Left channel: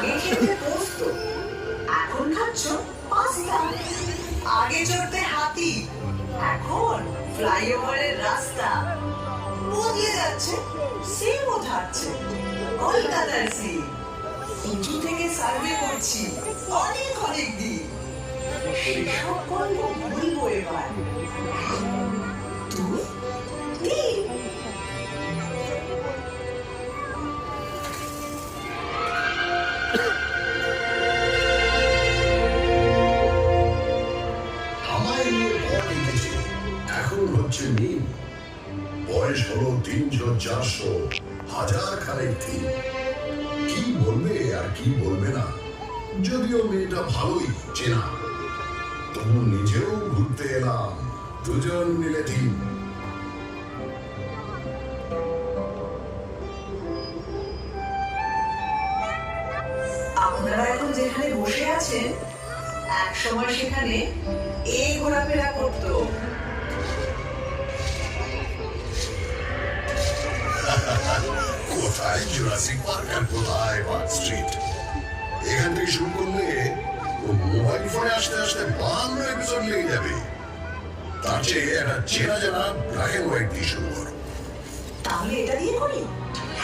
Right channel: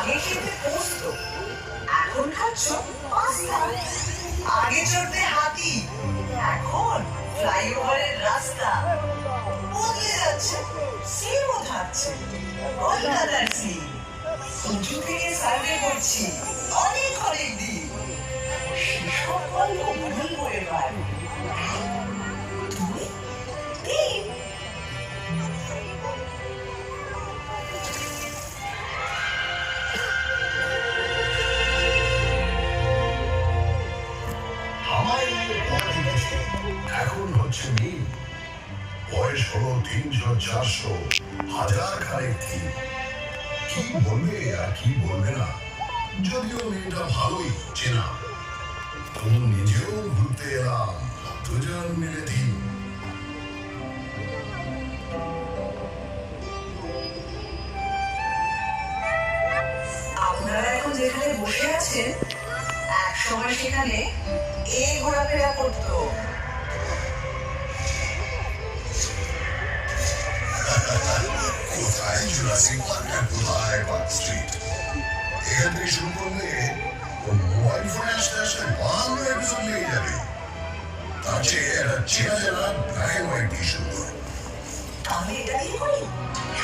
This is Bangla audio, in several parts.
আগে খেতে পোস্ত, এখন খাচ্ছ পাস্তা। আগে চড়তে হাতি, এখন ফ্লাইওভারের রাস্তা। বদলে যাচ্ছে, সিমও থাকছে। কলকাতার সিম উঁচু থেকে সার্ভে করছি অনেক অনেক দিন। সেসব গল্প ভুলবো এবার। তুই তিন এখন হচ্ছে মিল। বয়স হলো 300-400 হাজার খানেক দিন। কি বলবে আর কি বলবে না, যদিও মেয়েটা ভালোই চেনা। তবু নিজেও ঘুরতে এলাম, দুজন মিলে দিন। আপনারা এখন যেখানে বসে আছেন, এক সময় সেখানে এই ঘোরাফেরা করতো। কোথায় জুরাসিক পার্ক আর কোথায় পার্ক স্ট্রিট। এখান থেকে শুরু করলে ও মোবাইল ফোনে আসতে আসতে 52 এপিসোড লেগে যাবে। তার চেয়ে একটা চেনা জানা ব্ল্যাক অ্যান্ড হোয়াইট দিয়ে শুরু করো। তাহলে এটা দিয়ে করি।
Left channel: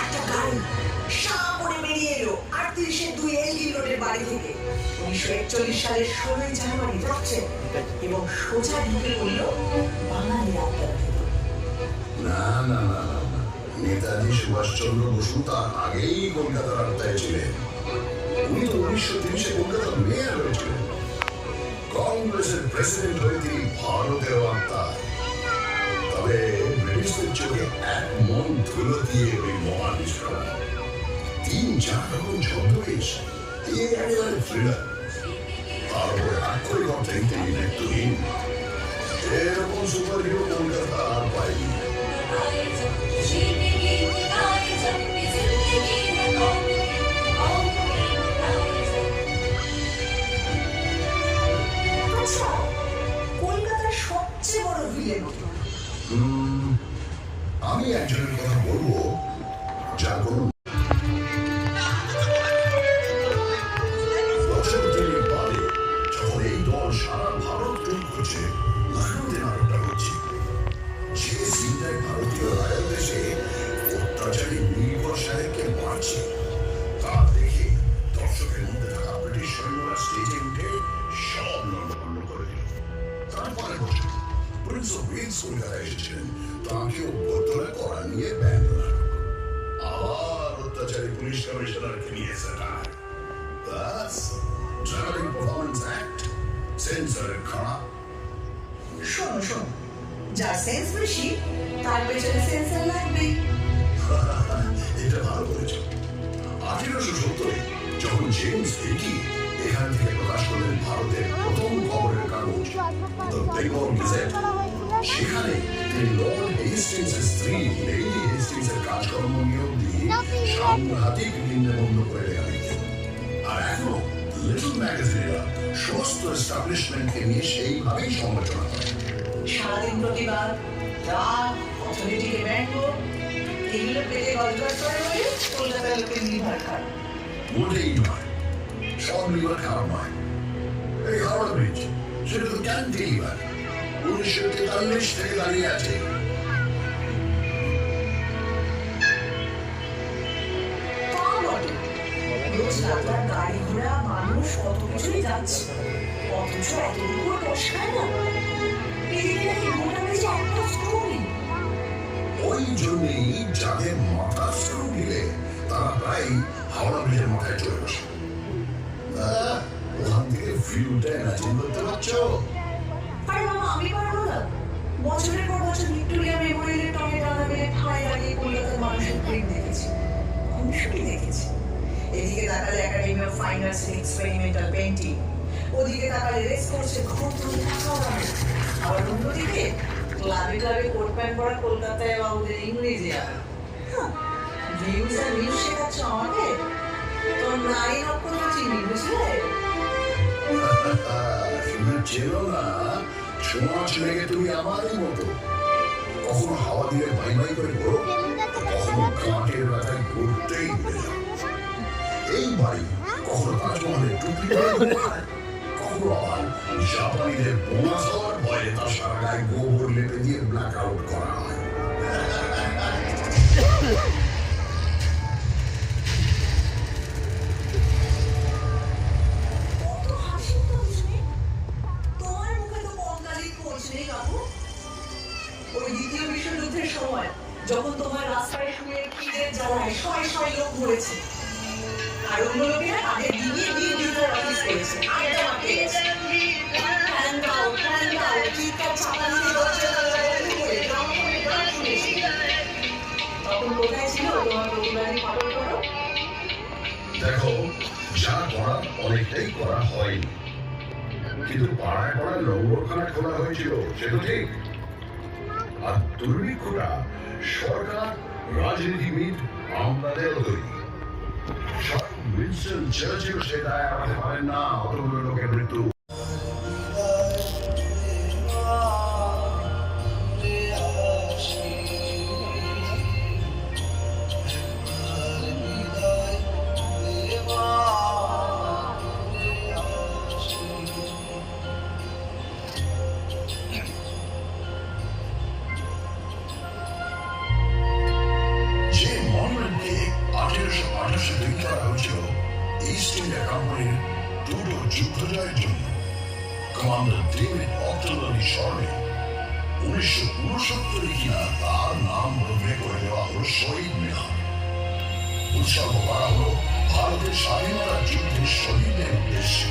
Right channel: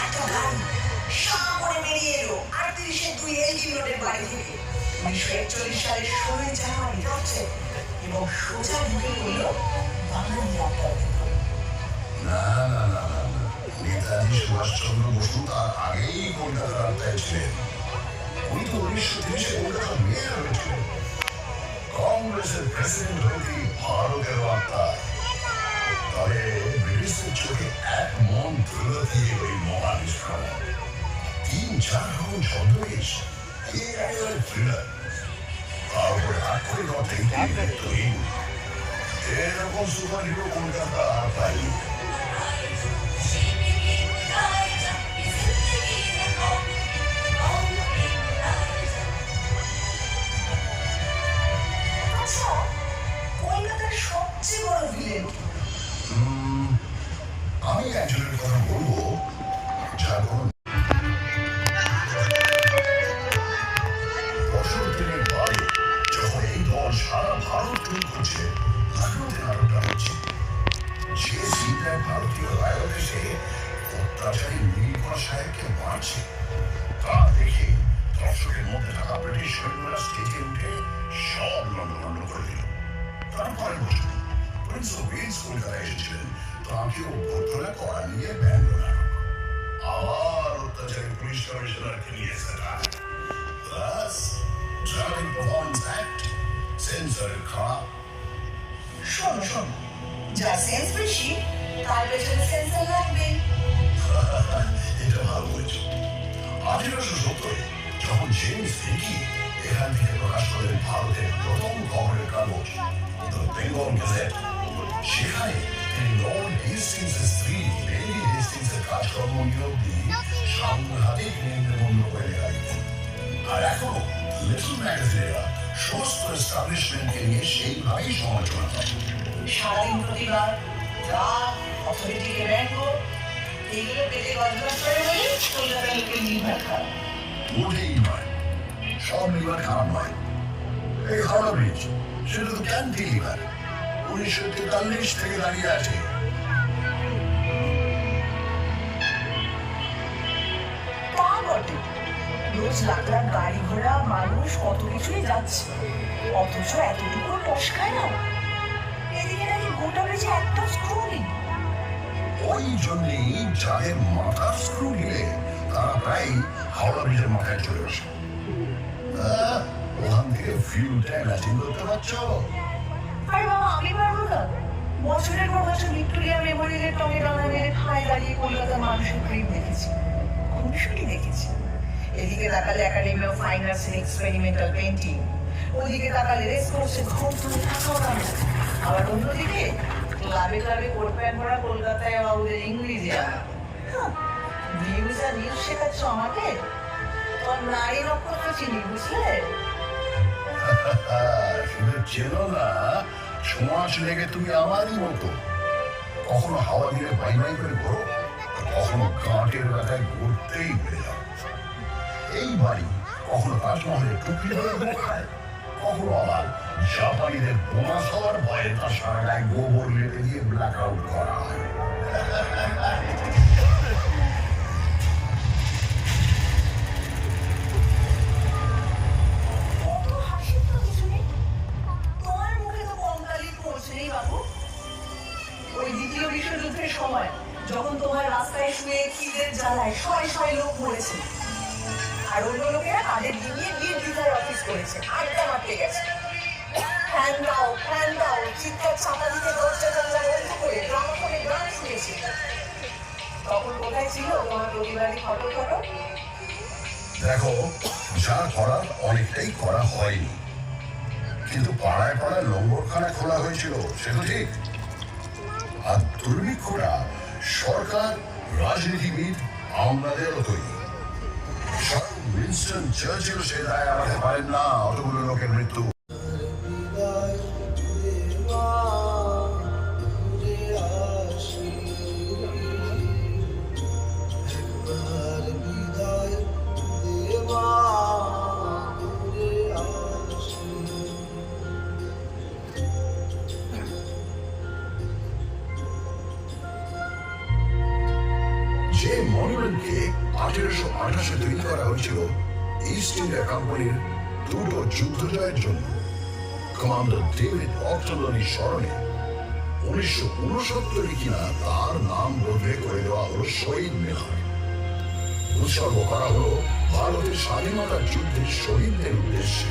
একটা গাড়ি সাঁ করে বেরিয়ে এলো 38-2 এলগি রোডের বাড়ি থেকে 1941 সালের 16 জানুয়ারি যাচ্ছে এবং সোজা ঢুকে পড়ল বাঙালি আড্ডার ভেতর। না না না না, নেতাজি সুভাষচন্দ্র বসু তার আগেই কলকাতার আড্ডায় ছিলেন। উনি তো 1930-এ কলকাতার মেয়র হয়েছিলেন। কংগ্রেসের প্রেসিডেন্ট হয়ে তিনি ভারতের আত্মা। তবে ব্রিটিশদের চোখে এক মন ধুলো দিয়ে ওই মহান আক্রমণ 3-4 রকম ছদ্মবেশ, একেবারে থ্রিলার। তার উপরে আক্ষরিক অর্থে তিনি দায়িত্বহীন। এরকম সুপার হিরো কলকাতা আর পাইনি। আচ্ছা, কলকাতার সবচেয়ে বড় ভিলেন আমি একজনের কথা বলবো যার কোনো বছর দিনের পরে যখন এই দল সারা ভারত টুর করছে, লখনৌতে নাটকটা হচ্ছে। যে সিনটায় ভারতীয় রায়ত এসে অত্যাচারী নীলকর সাহেবকে মারছে, তা দেখে দর্শকের মধ্যে থাকা ব্রিটিশ সৈন্যরা স্টেজে উঠে সব লন্ডভন্ড করে দিল। তারপরের বছর প্রিন্স অফ ওয়েলস কলকাতায় এসেছিলেন, তাঁকেও ভর্তনা করা নিয়ে ব্যঙ্গ নাটক। আবার অত্যাচারী পুলিশ কমিশনার ক্রিয়েছে ব্যাস, ড্রামাটিক পারফরমেন্স অ্যাক্ট, সেন্সরের খারাপ। শোনো শোনো, যা সেন্স বেশি তার পেছনে সেন্সার লাগবে। এটা ভালো বলেছে। 1870 যখন জেমস হিকি এখান থেকে প্রকাশ করলেন ভারতের প্রথম খবরের কাগজ দ্য বেঙ্গল গেজেট, সেখানে তিনি লর্ড হেস্টিংসের স্ত্রী লেডি হেস্টিংসের কাজকর্ম নিয়েও দিয়ে সাংঘাতিক নিম্নবন্ধ করে লেখা দিতেন। আর এখনো লিটল ম্যাগাজিনেরা সমস্ত এস্টাবলিশমেন্টকে নিয়ে সেইভাবেই সমালোচনা করে। সারাদিন প্রতিবাদ, রাগ, অথরিটিকে ব্যঙ্গ, এগুলো পেটে গজগজ করে বলে কলকাতার লোকের নির্ভর খারাপ। মোটেই নয়, সব লিভার খারাপ নয়। এই হাওড়া ব্রিজ, সেটা তো ক্যান্টিলিভার 1943 থেকে দাঁড়িয়ে আছে। তা বটে, রোজ লাখ লাখ গাড়ি ঘোড়া মানুষ কত কিছুই যাচ্ছে, অথচ এতটুকু কষ্ট খায় না। এদিকে নাকি গোটা ব্রিজে একটা স্ক্রু নেই। ওই জন্যই যাদের মাথা স্ক্রু নিলে তারা প্রায় হাওড়া ব্রিজের মাথায় চলে বসে। ওখান থেকে ভিউটা ইমাজিন করতে পারছো? আরে বাবা, আমি পারবো না। বছরের পর বছর ভিক্টোরিয়া মেমোরিয়ালের টঙে দাঁড়া মেরে ঠাঁই দাঁড়িয়ে কলকাতার মানুষের প্রেম দেখেছি, খুশি দেখেছি। এদিকে তাকালে academy of fine arts experimental painting, ওদিকে তাকালে রেস কোর্সের খুব আবার অন্যদিকে ক্লাবে ক্লাবে কোট প্যান্ট পরা কলকাতায় বাবুদের ইংরেজি জানা। ভিউজ আর নিউজ শেখাচ্ছ আমাকে? তোর নারী নক্ষত্র চিনি, বুঝলে? শুধু চেনো না, সমাজ লেগে তুমি আমারই মতো। কখনো হাওয়া দিলে ভাই ভাই করে ঘোরো, কখনো গাঁটের ব্যথায় ঘুরতেই উড়ে যাও। এই ভাই কখনো তাজমহলের টুপি খায়, কখনো আবার জাপানিদের বোনাস হওয়ার ভয়ে তার সারা গায়ে গোবর লেপে দিয়ে ব্ল্যাক আউট করা হয়। কত হাসির কথা শুনে তোমার মুখে তো কম তারিখ পৌঁছেই বাবু। ওই দ্বিতীয় বিশ্বযুদ্ধের সময় যখন তোমার রাস্তায় শুয়ে খিদের জ্বালায় শয় শয় লোক মরেছে, আর অন্য লোকেরা তাদের দিয়ে নির্দ্বিধায় অফিস করেছে, আড্ডা মারতে গেছে। ফ্যান দাও চিৎকার ছাতা দিতে দরজা জানলা বন্ধ করে গ্রামাফোনের গান শুনেছি। তখন কোথায় ছিল তোমার পরিবারের ফটো? দেখো, যা করার অনেকটাই করা হয়নি, কিন্তু পাড়ায় পাড়ায় লঙ্গরখানা খোলা হয়েছিল, সেটা ঠিক। আর দুর্ভিক্ষরা সরকার, রাজনীতিবিদ, আমলাদেরও তৈরি। স্বয়ং উইনস্টন চার্চিল সে দায় এড়াতে পারেন না অতগুলো লোকের মৃত্যু। যে মনুমেন্টকে 1858 তৈরি করা হয়েছিল ইস্ট ইন্ডিয়া কোম্পানির দুটো যুদ্ধ জয়ের জন্য, কমান্ডার ডেভিড অক্টনলির স্মরণে 1969 কিনা তার নাম বদলে করে দেওয়া হলো শহীদ মিনার। উৎসর্গ করা হলো ভারতের স্বাধীনতা যুদ্ধে শহীদদের উদ্দেশ্যে।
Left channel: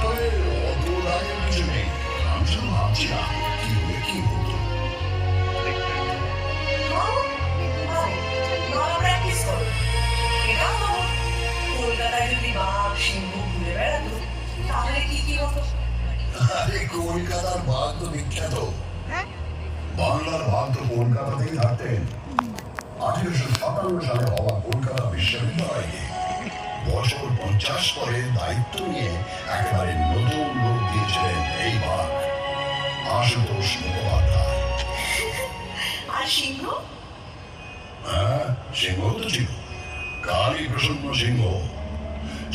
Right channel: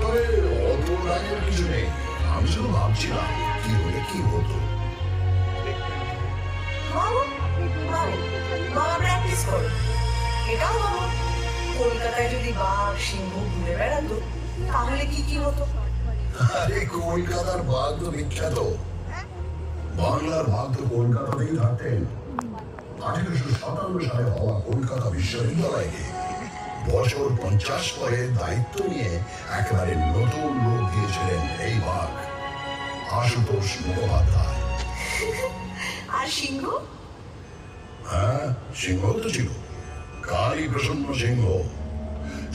তবে অত রাগের কিছু নেই, আমি শুধু ভাবছিলাম কি হলে কি হতো। প্র্যাকটিস করো, এটাও ভাবো কলকাতায় যদি বাঘ সিংহ ঘুরে বেড়াতো তাহলে কি হতো? আরে কলকাতার বাঘ তো বিখ্যাত, বাংলার বাঘ তো কলকাতাতেই থাকতেন। 1857 সালে হওয়া কলকাতা বিশ্ববিদ্যালয়কে বছর 50 পরে দায়িত্ব নিয়ে একেবারে নতুন রূপ দিয়েছিলেন এই বাঘ, আশুতোষ মুখোপাধ্যায়। আর সিংহ? হ্যাঁ, সিংহ তো ছিল, কালী প্রসন্ন সিংহ,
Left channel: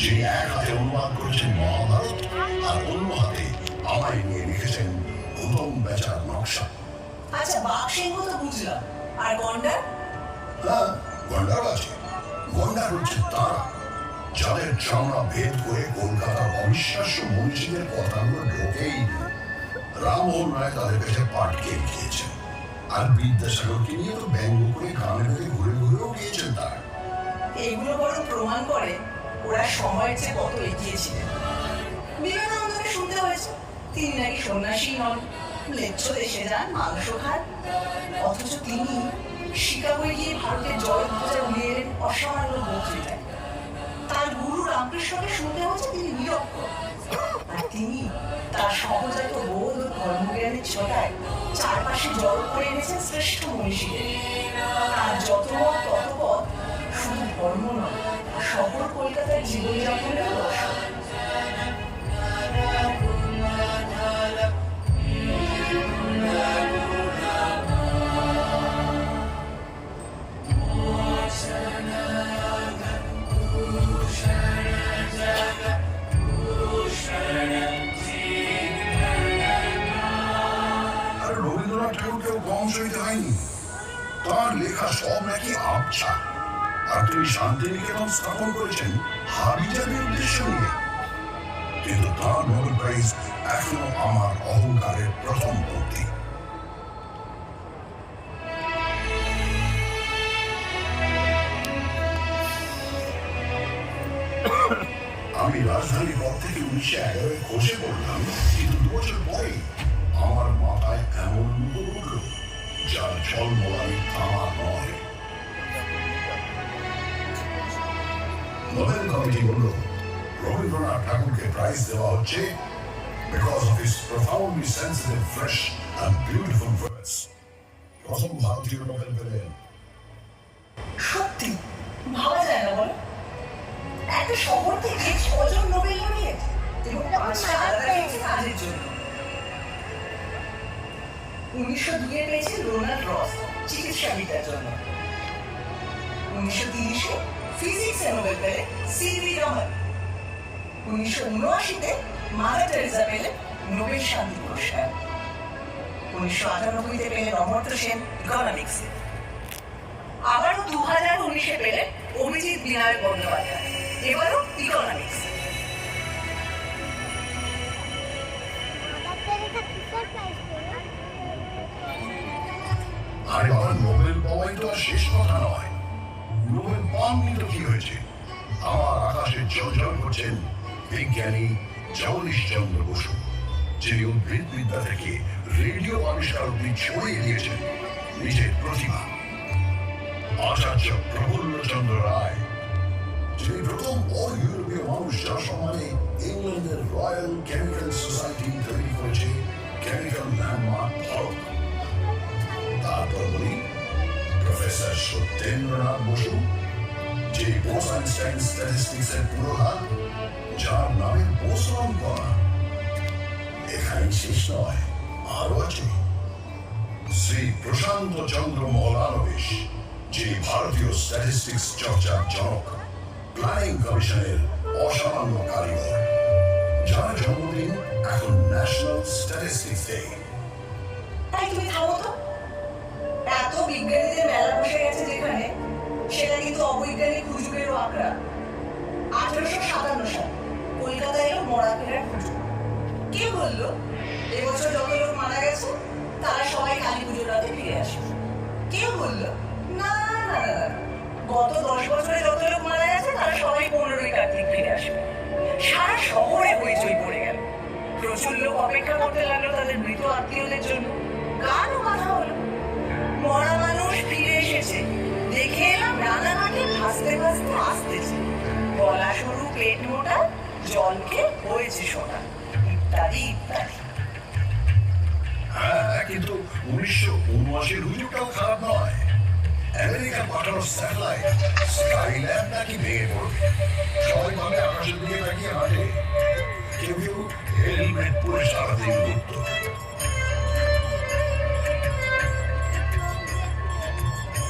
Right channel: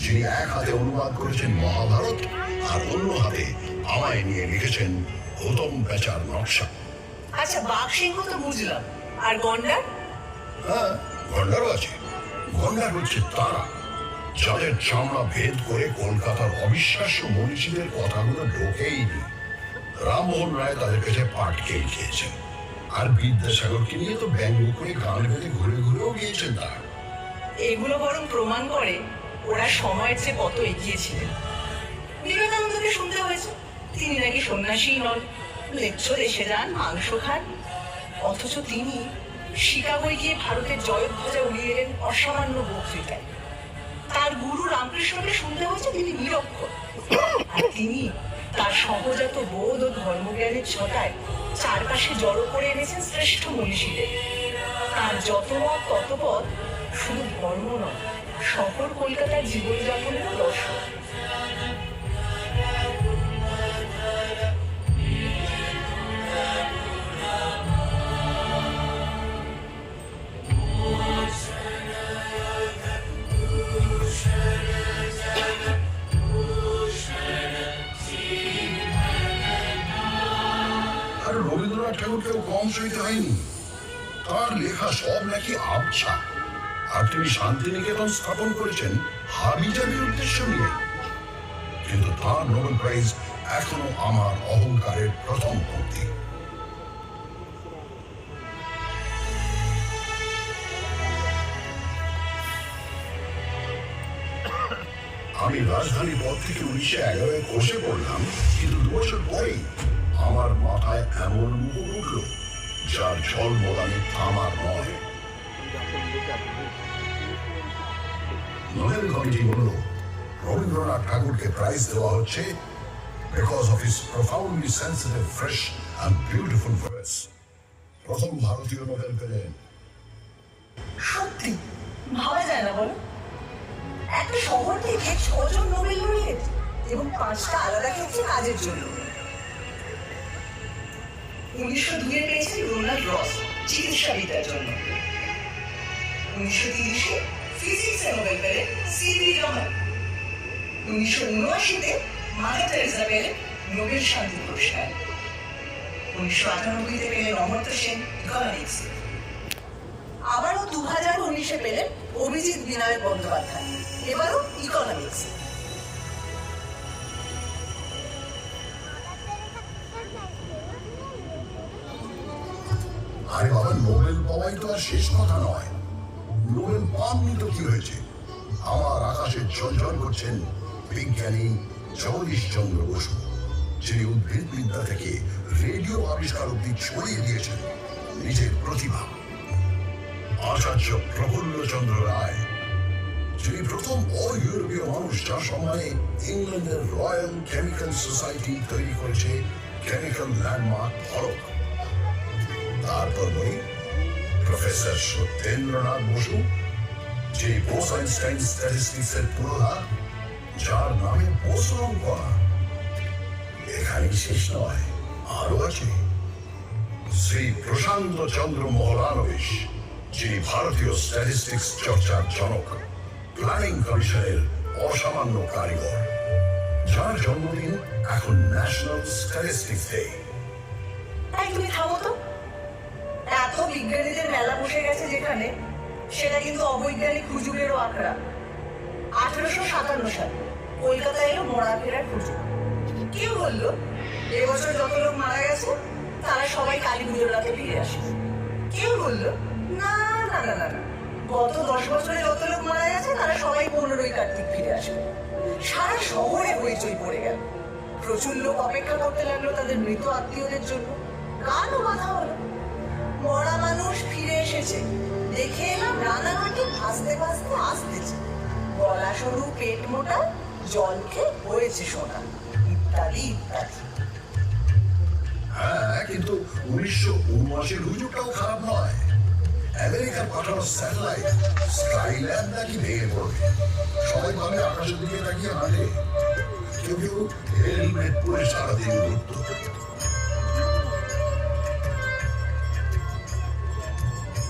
যিনি এক হাতে অনুবাদ করেছেন মহাভারত আর অন্য হাতে আমায় নিয়ে লিখেছেন গৌতম বেচার নকশা। আচ্ছা, বাঘ সিংহ তো বুঝলাম, আর গন্ডার? হ্যাঁ, গন্ডারও আছে। গন্ডার হচ্ছে তারা যাদের চামড়া ভেদ করে কলকাতার অবিশ্বাস্য মনীষীদের কথাগুলো ঢোকেই নি। রামমোহন রায় তাদের কাছে পাট খেয়ে খেয়েছে, আর বিদ্যাসাগরকে নিয়ে তো ব্যঙ্গ করে গ্রামে ঘুরে ঘুরেও গিয়েছেন তারা। এগুলো বরং প্রমাণ করে ওরা সময়ের চেয়ে কত এগিয়ে ছিলেন। বিবেকানন্দকে শুনতে হয়েছে তিনি নাকি সন্ন্যাসী নন, লেচ্ছ এসে যান, মাংস খান, অথচ তিনি শিকাগোয় গিয়ে ভারতের জয়ধ্বজা উড়িয়ে দেন অসামান্য বক্তৃতায়। তার গুরু রামকৃষ্ণকে শুনতে হয়েছে তিনি নিরক্ষর, আর তিনি তার সহজাত বোধ ও ধর্মজ্ঞানের ছটায় চারপাশে জড়ো করে এনেছেন শ্রেষ্ঠ মনীষীদের। তার যত মত তত পথ শুধু ধর্ম নয়, শহর কলকাতার জীবনযাপনেরও দর্শন। আর রবীন্দ্রনাথ ঠাকুরকেও কম সইতে হয়নি, তার লেখা সব নাকি আবছা। আর তিনি শান্তিনিকেতন স্থাপন করেছেন হাবিজাবির উদ্দেশ্য নিয়ে, কিন্তু তার নোবেল প্রাইজ এখনো আমার অহংকারের প্রথম পঙ্ক্তি। আমি রাজধানীর পর থেকে 1911 কোষে পড়লাম, কিন্তু 2 বছর পরেই আমার মাথায় এমন মুখ উঠল যার জল মোলানে থামার নয়। নোবেল কমিটি বলল রবীন্দ্রনাথ ঠাকুরকে প্রাইজ দেওয়া হচ্ছে because of his profoundly sensitive, fresh and beautiful words. প্রথম ভারতীয় নোবেল পেলেন। সত্যি ভাবা যায় না বলো, একটা শহর থেকে 6 জন নোবেল লরিয়েট এবং 5টা আলাদা ক্ষেত্রে কাজের জন্য। 1902 পেয়েছেন রোনাল্ড রস চিকিৎসাবিদ্যার জন্য, 1930 ফিজিক্সে নোবেল পেলেন সিভি রমন। 1979-তে মাদার টেরেসা পেলেন নোবেল শান্তি পুরস্কার। 1998-তে পেলেন অমর্ত্য সেন ইকোনমিক্স। আবারও 2019-এ পেলেন অভিজিৎ বিনায়ক বন্দ্যোপাধ্যায়, এবারও ইকোনমিক্স। আরে বাবা, নোবেল পাওয়াই তো আর শেষ কথা নয়। নোবেল পাননি তো কি হয়েছে? আমার আকাশে জ্বলজ্বল করছেন বিজ্ঞানী জগদীশ চন্দ্র বসু, যিনি উদ্ভিদ বিদ্যা থেকে রেডিও আবিষ্কার অব্দি ছড়িয়ে দিয়েছেন নিজের প্রতিভা। আচার্য প্রফুল্ল চন্দ্র রায়, যিনি প্রথম ইউরোপীয় মানুষ যার সম্মানে ইংল্যান্ডের রয়্যাল কেমিক্যাল সোসাইটি তৈরি করেছে কেমিক্যাল ল্যান্ডমার্ক হলক। তারপর উনি প্রফেসর সত্যেন্দ্রনাথ বসু, যে বোস আইনস্টাইন স্ট্যাটিস্টিক্সের পুরোধা, যার নামে বোসন করা। এখানে শেষ নয়, আরো আছে শ্রী প্রশান্ত চন্দ্র মহলানবিশ, যিনি ভারতীয় স্ট্যাটিস্টিক্স চর্চার জনক, প্ল্যানিং কমিশনের অসামান্য কারিগর, যার জন্মদিন এখন ন্যাশনাল স্ট্যাটিস্টিক্স ডে। তুমি থামো তো। এত বিজ্ঞানীদের মেলা বসে গেছে যেখানে, সেটা কিন্তু অবৈজ্ঞানিক হুজুগেরও আখড়া। 1857 সালে কলকাতা এলো মরা ফেরার হুজুগ। কেউ বললো এবছর যত লোক মারা গেছে তারা সবাই কালী পুজোর রাতে ফিরে আসে। কেউ বললো না না না না, গত 10 বছরে যত লোক মারা গেছে তারা সবাই 15ই কার্তিক ফিরে আসবে। সারা শহরে হইচই পড়ে গেল। প্রচুর লোক অপেক্ষা করতে লাগলো তাদের মৃত আত্মীয়দের জন্য। গানও বাঁধা হলো, মরা মানুষ ফিরে এসেছে, দেখে এলাম রানাঘাটে ভাসতে ভাসতে আসতেছে, গলা সরু পেট মোটা, জলকে হয়েছে সোনা, ইত্যাদি ইত্যাদি। হ্যাঁ, কিন্তু 1979-এর হুজুগটাও খারাপ নয়। আমেরিকার পাঠানো স্যাটেলাইট স্কাইল্যাব নাকি ভেঙে পড়বে। সবাই ভাবে আকাশের দিকে তাকিয়ে হাঁটে, কেউ কেউ হেলমেট পরে সারাদিন ঘুরত।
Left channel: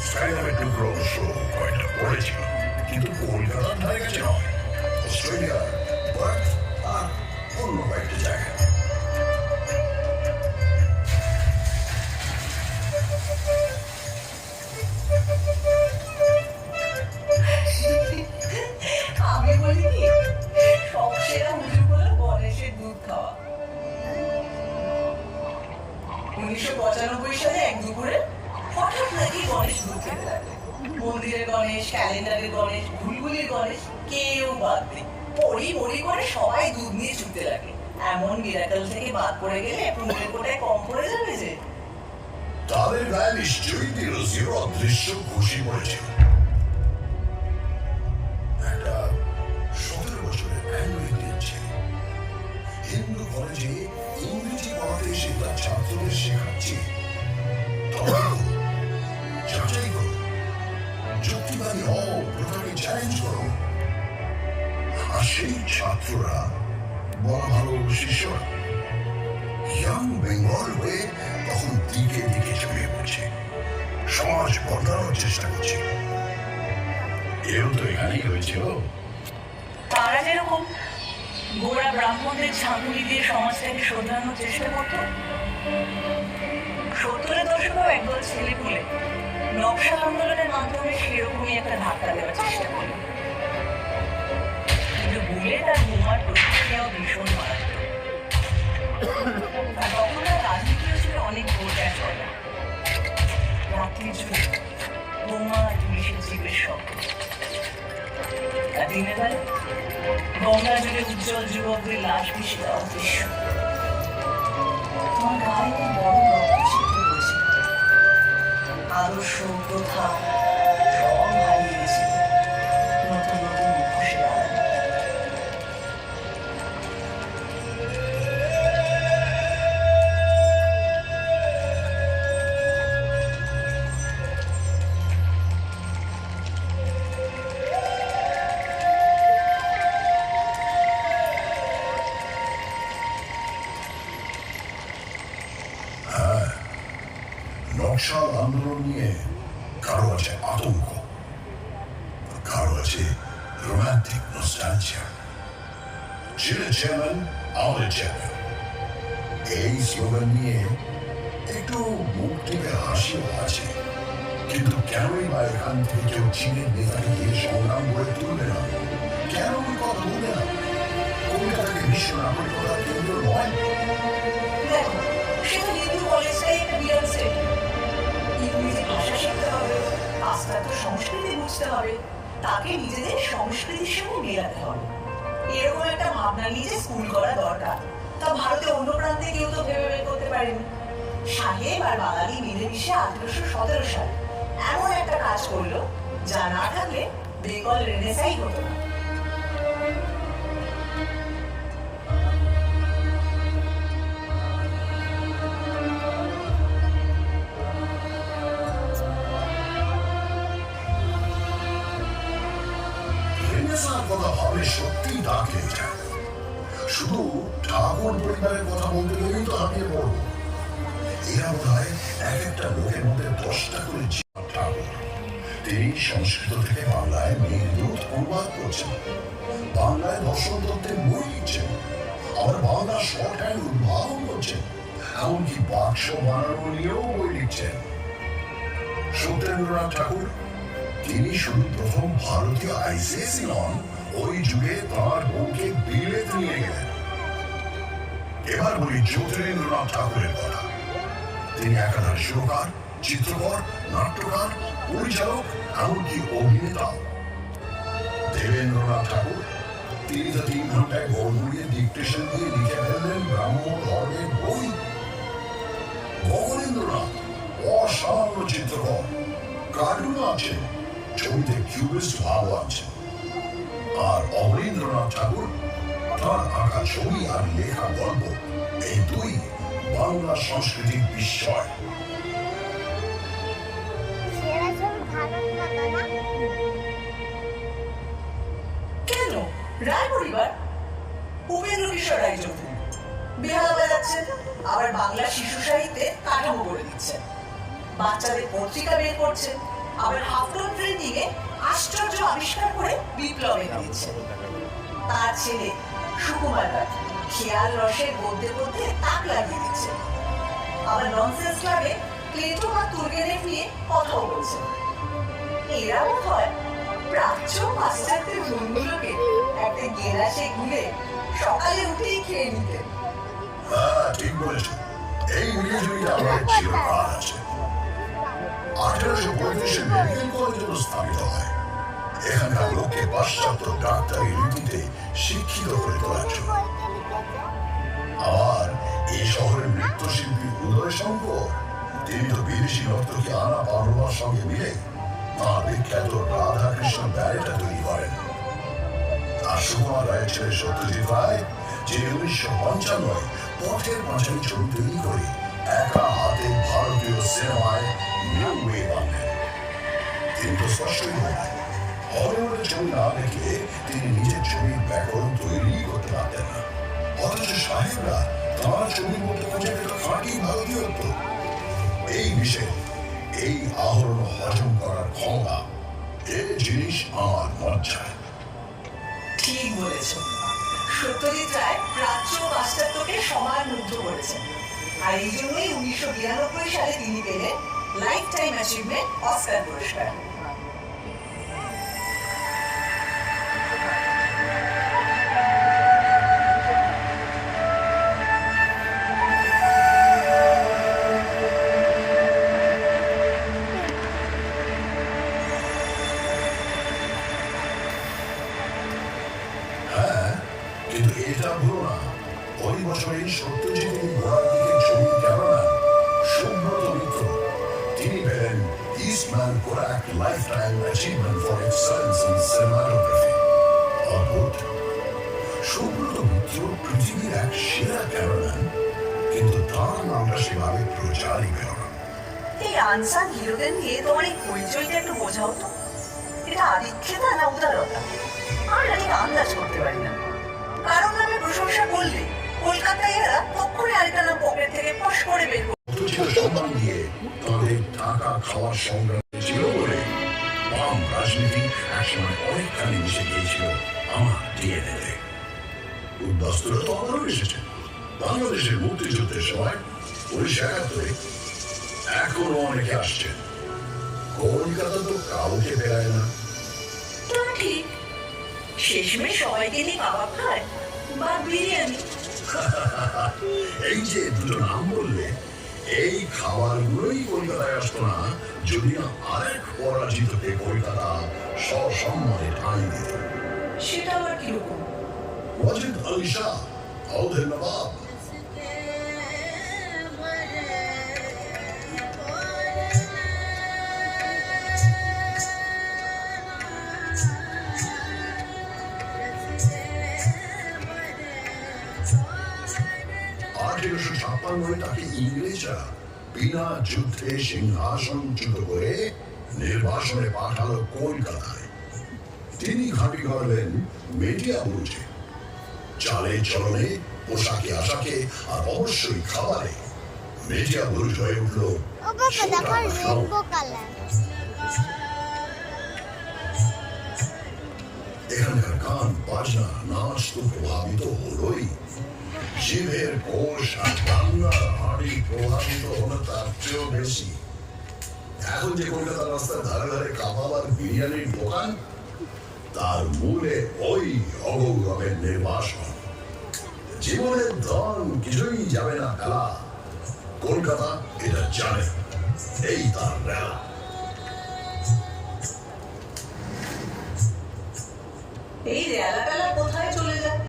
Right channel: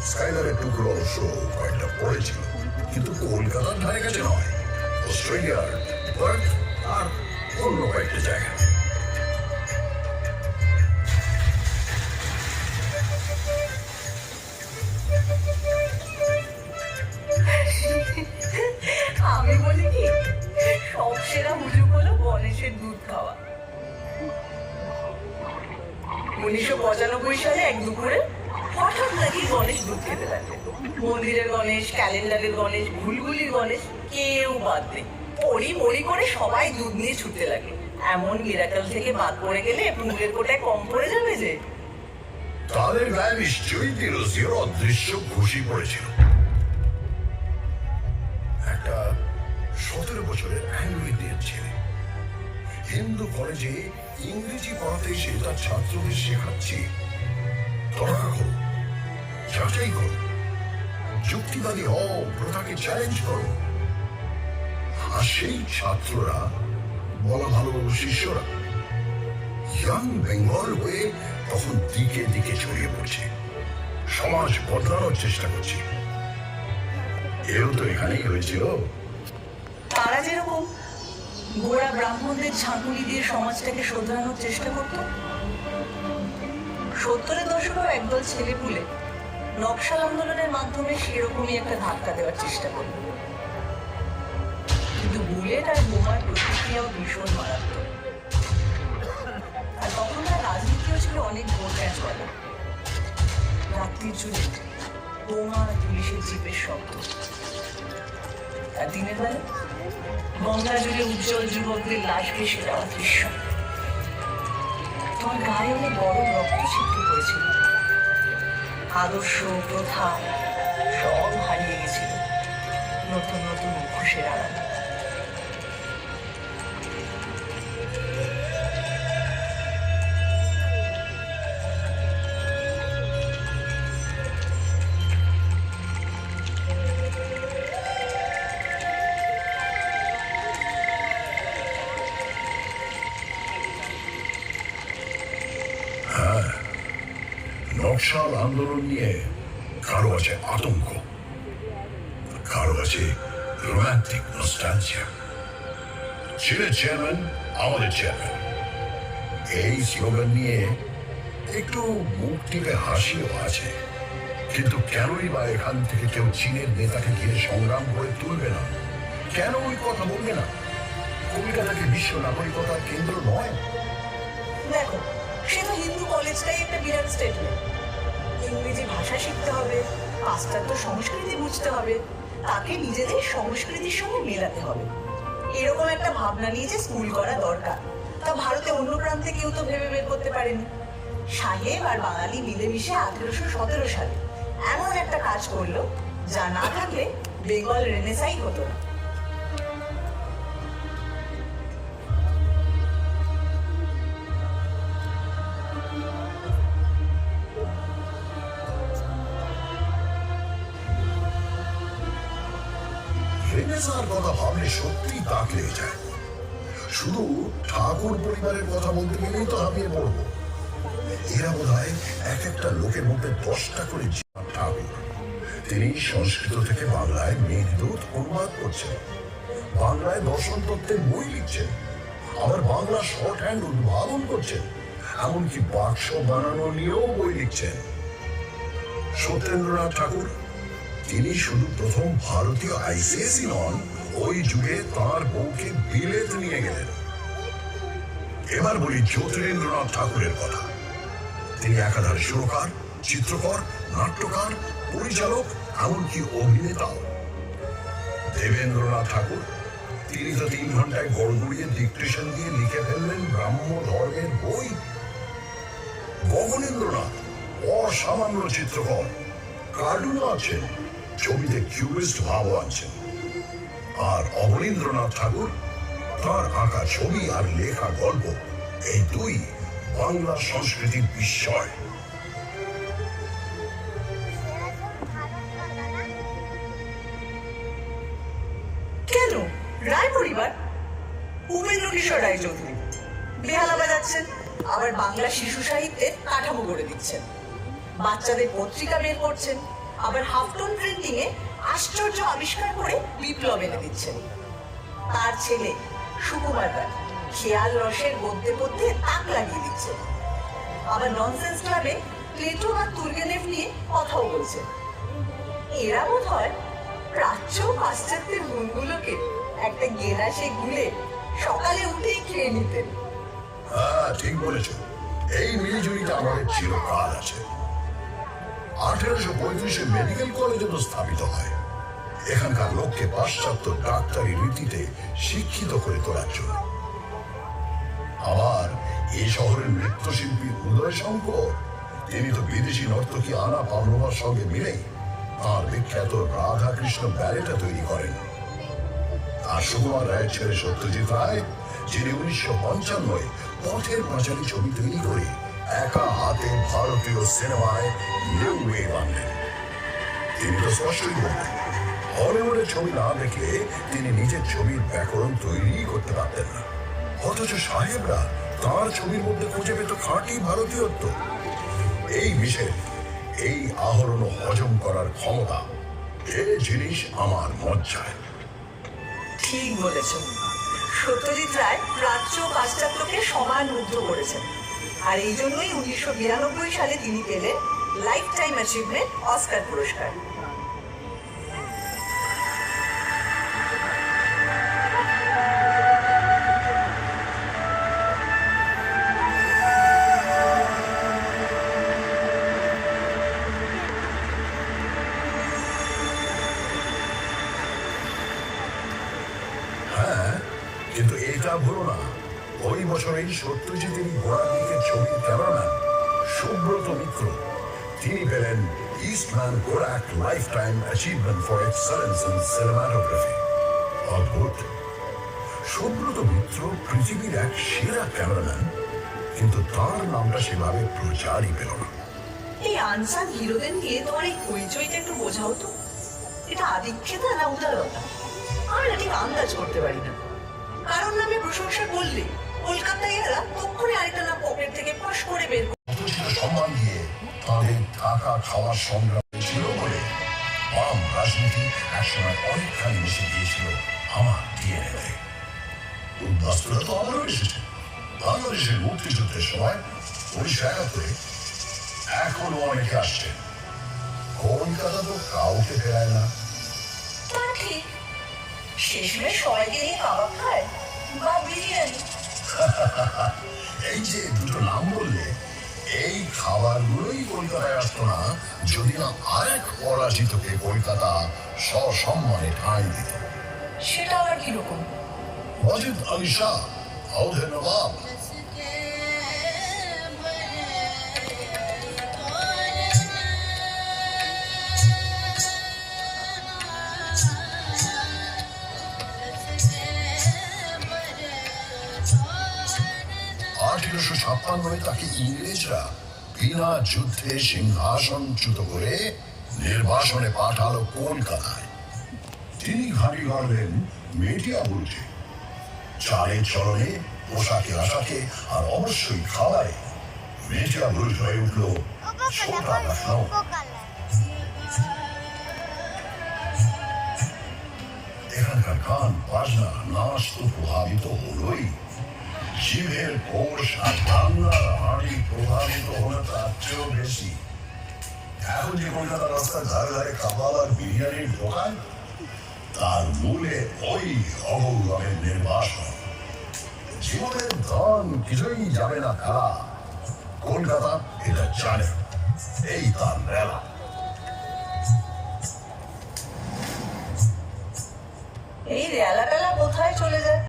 স্কাইল্যাবের টুকরো অবশ্য কয়েকটা পড়েছিল, কিন্তু কলকাতার ধারে কাছে নয়, অস্ট্রেলিয়ার পার্থ আর অন্য কয়েকটা জায়গা। আমি বলি কি, সব সেরা হুজুগ হলো গণেশের দুধ খাওয়া। 1995 সালে এক দুপুরে হঠাৎ নাকি গণেশ দুধ খেতে লাগে। মন্দিরের গণেশ, ক্যালেন্ডারের গণেশ, ঘুলঘুলির গণেশ, কেউ বাদ নেই। পড়ি মরি করে সবাই দুধ নিয়ে ছুটতে লাগে। এমন মিরাকল থেকে বাদ পড়ে গেলে পুঁতে কোটায় কম পড়ে যাবে যে। তাদের গায়ে নিশ্চয়ই বিরোধীয় অদৃশ্য খুশি পড়েছিল। একটা 17 বছরের অ্যাংলো-ইন্ডিয়ান ছেলে হিন্দু কলেজে ইংরেজি পড়াতে এসে তার ছাত্রদের শেখাচ্ছে তর্ক করো, যাচাই করো, যুক্তিবাদী হও, প্রথাকে চ্যালেঞ্জ করো। আর সেই ছাত্ররা, বলা ভালো শিষ্যরা, ইয়াং বেঙ্গল হয়ে তখন দিকে দিকে ছড়িয়ে পড়ছে, সমাজ বদলানোর চেষ্টা করছে। এও তো এখানেই হয়েছিল। তারা যেরকম গোড়া ব্রাহ্মণদের ঝাঁকুনি দিয়ে সমাজটাকে শোধরানোর চেষ্টা করত, 70-এর দশকেও একদল ছেলেপুলে নকশাল আন্দোলনের মাধ্যমে সেরকমই একটা ধাক্কা দেওয়ার চেষ্টা করল। কিন্তু বুলেট আর বোমার প্রতিক্রিয়াও ভীষণ মারাত্মক। আর তখনকার রাজনীতিও ছিল অনেক গোটা চলা। রাত্রি জুড়ে বোমা আর পুলিশের জিপের শব্দ, আর দিনের বেলা গঙ্গা জলে উজ্জ্বল যুবকদের লাশ ভেসে যাওয়ার দৃশ্য। তোমার গায়ে গরম রক্ত সিদ্ধ করেছিল। আদর্শ, প্রথা সব হারিয়ে গেছিল নতুন নতুন মুখোশের আড়ালে। নকশাল আন্দোলন নিয়ে কারো আছে আতঙ্ক, কারো আছে আছে রোমান্টিক নস্টালজিয়া। ছেলে চেয়ারম্যান আমাদের চেয়ারম্যান, এই স্লোগান নিয়ে একটু মুখ টিপে হাসিও আছে। কিন্তু কেনই বা এখান থেকে কেউ চীনের নেতাকে দিয়ে সংগ্রাম করে তুলবে না? কেন ওই কথা বলবে না? কলকাতাকে বিশ্ব নাগরিকতার কেন্দ্র নয়? দেখো, সে তো হিন্দু কলেজটাই একটা বিরাট স্টেটমেন্ট। ইংরেজি ভাষা শিখতে হবে, পাশ্চাত্য সংস্কৃতি বুঝতে হবে, তাকে নিজেদের সংস্কৃতির সঙ্গে মেলাতে হবে, এরকম একটা ভাবনা নিয়ে যে স্কুল করা দরকার, তা ভারতে অন্য প্রান্তে কেউ তো ভেবে বের করতে পারেনি। সাহেব আর বাঙালি মিলেমিশে 1817 সালে এমন একটা কাজ করলো যা না থাকলে বেঙ্গল রেনেসাই হতো না। রেনেসাঁর কথা ভাবে সত্যি দাঁত লেগে যায়। শুধু ঠাকুর পরিবারের কথা বলতে গেলেই তো হাঁপিয়ে পড়বো। এরা বোধ হয় এক একটা লোকের মধ্যে 10টা করে ঠাকুর। তিনি সংস্কৃত থেকে বাংলায় মেঘদূত অনুবাদ করছেন, বাংলায় দর্শন তত্ত্বের বই লিখছেন, আবার বাংলা শর্ট হ্যান্ড উদ্ভাবন করছেন, এমনকি বাক্স বানানো নিয়েও বই লিখছেন। সত্যেন্দ্রনাথ ঠাকুর, তিনি শুধু প্রথম ভারতীয় আইসিএসই নন, ওই যুগে তাঁর বউকে বিলেত নিয়ে গেলেন। এবার বলি জ্যোতিরিন্দ্রনাথ ঠাকুরের কথা। তিনি একাধারে সুরকার, চিত্রকর, নাট্যকার, পরিচালক, এমনকি অভিনেতাও। দেবেন্দ্রনাথ ঠাকুর, তিনি তো 3 ঘন্টায় গড়গুড়িয়ে ডিকটেশন দিয়ে লিখে ফেললেন ব্রাহ্ম ধর্মের বই। গগনেন্দ্রনাথ অসামান্য চিত্রকর, কার্টুনও আছেন, ছবিতে কিউবিস্ট ভাবও আছে। আর অবনীন্দ্রনাথ ঠাকুর, তার আঁকা ছবি আর লেখা গল্প, এই দুই বাংলা সংস্কৃতির বিস্ময়। কেন রায় পরিবার? উপেন্দ্র কিশোর রায়চৌধুরী বেহালা বাজাচ্ছেন, আবার বাংলা শিশু সাহিত্যে কাঠামো করে দিচ্ছেন, বাচ্চাদের পত্রিকা বের করছেন, আবার হাফটোন প্রিন্টিং এ আশ্চর্য আবিষ্কার করে বিপ্লব এনে দিচ্ছেন। তার ছেলে সুকুমার রায় খেয়াল রসের গদ্যে গদ্যে তাক লাগিয়ে দিচ্ছেন, আবার ননসেন্স ক্লাবে প্লেটো বা তুর্গেনেভ নিয়ে কথাও বলছেন। এরা বোধ হয় প্রাচ্য পাশ্চাত্যের মনগুলোকে একটা গেলাসে ঘুরে সকালে উঠেই খেয়ে নিতেন। হ্যাঁ, ঠিক বলেছ। এই মিলিজুলিটা আমাদের চিরকাল আছে। 1835 মেডিকেল কলেজে স্থাপিত হয়, এখানকার লোককে পাশ্চাত্য ডাক্তারি রীতিতে শিক্ষিত করে তোলার জন্য। আবার এই শহরের নৃত্যশিল্পী উদয় শঙ্কর, তিনি তো বিদেশি নর্তকী আনা পার্লমার সঙ্গে মিলে তাঁর বিখ্যাত রাধা কৃষ্ণ ব্যালেটা তৈরি করেন। আর সুকুমার রায়ের ছেলে সত্যজিৎ রায়, যিনি 1955 পথের পাঁচালী ছবি তৈরি করে একা হাতে ভারতীয় সিনেমায় নিউ ওয়েভ আনলেন। তিনি তো স্পষ্টই বলেন, হলিউডের ছবি না দেখলে তিনি নিজের ছবির ব্যাকরণ তৈরি করতে পারতেন না। অথচ সাহেবরা তাঁর ছবির মধ্যে খুঁজে পেত খাঁটি ভারতীয়ত্ব। এই বিষয়ে এই আহরণ হজম করার ক্ষমতা, এ জিনিস আমার মজ্জায়। ঠিক বলেছ, সত্যজিৎ রায় প্রাচ্য ও পাশ্চাত্যকে সমান মুগ্ধ করেছেন, আর এই জন্যই 1992 সালে তিনি পেলেন লাইফ টাইম অ্যাচিভমেন্ট অস্কার পুরস্কার। হ্যাঁ, কিন্তু এটা ভুলো না, ওই বছরেই সত্যজিৎ গোড়ার দিকে ছবি ক্যামেরাম্যান সুব্রত মিত্র, তিনি পেলেন Eastman Kodak life time achievement for excellence in cinematography. অদ্ভুত, সুব্রত মিত্র পৃথিবীর এক সেরা ক্যামেরাম্যান, কিন্তু তার নামটা সেভাবে প্রচারই পেল না। এই আনসার হিরোদের নিয়ে তোমার এই হইচইটা একটু বোঝাও তো, এটা আদিক্ষেতা না উদারতা? আমি না ঠিক আন্দাজ করতে পারি না। কারণ নামে প্রশংসা করলে কলকাতায় এরা তক্ষুনি আরেকটা নাম পকেট থেকে ফস করে বের অথচ সম্মান দিয়ে তাদের থাকা খাওয়ার সংগ্রাম ছিল বলে বাম রাজনীতি একসময় অনেকখানি মিশে গিয়েছিল আমার ডিএনএ। উদ্বাস্তুরা তো আবারও এসেছে বাংলাদেশের মুক্তিযুদ্ধের সময় 1971 এখনো অনেকে আসছে। কলকাতা তো কাউকে ফেরায় না। তা ঠিক, শেষমেশ সবাইকে নিয়ে কাবাব খায় বা বিরিয়ানি। এই যে দুটো নাম বললে, এই খাবারগুলোই কলকাতায় আসতো না যদি না আরেক পরাজিতকে কলকাতা সসম্মানে ঠাঁই দিত। সেটা আবার কিরকম? ওয়াজিদ আলী শাহ, আউধের নবাব। আঠেরোশো 1956 তাকে ইংরেজরা বিনা যুদ্ধে সিংহাসনচ্যুত করে নির্বাসনে পাঠালো কলকাতায়। তিনি ঘাঁটি গাড়লেন মিডিয়া বুঝে, চালে চলনে, পোশাকে আশাকে আর অবশ্যই খাবারে মিডিয়া বুঝ হয়ে উঠল ছোটা লখনৌ। এখানকার গান বাজনা নাচ তো প্রভাবিত হলোই, জীবের কোষ আর বাংলার হাড়ি প্রভাবিত হলো তার চেয়েও বেশি। এখন যে কলকাতার রাস্তার ধারে ধারে কাবাব আর বিরিয়ানির দোকান, তার মূলে ওই অগৌরবের নির্বাসন। জীবনের ধন কিছুই যাবে না ফেলা, কলকাতা এটা জানে, এই তার বেলা। এই রেলা পেলা কোথায় চলে যায়?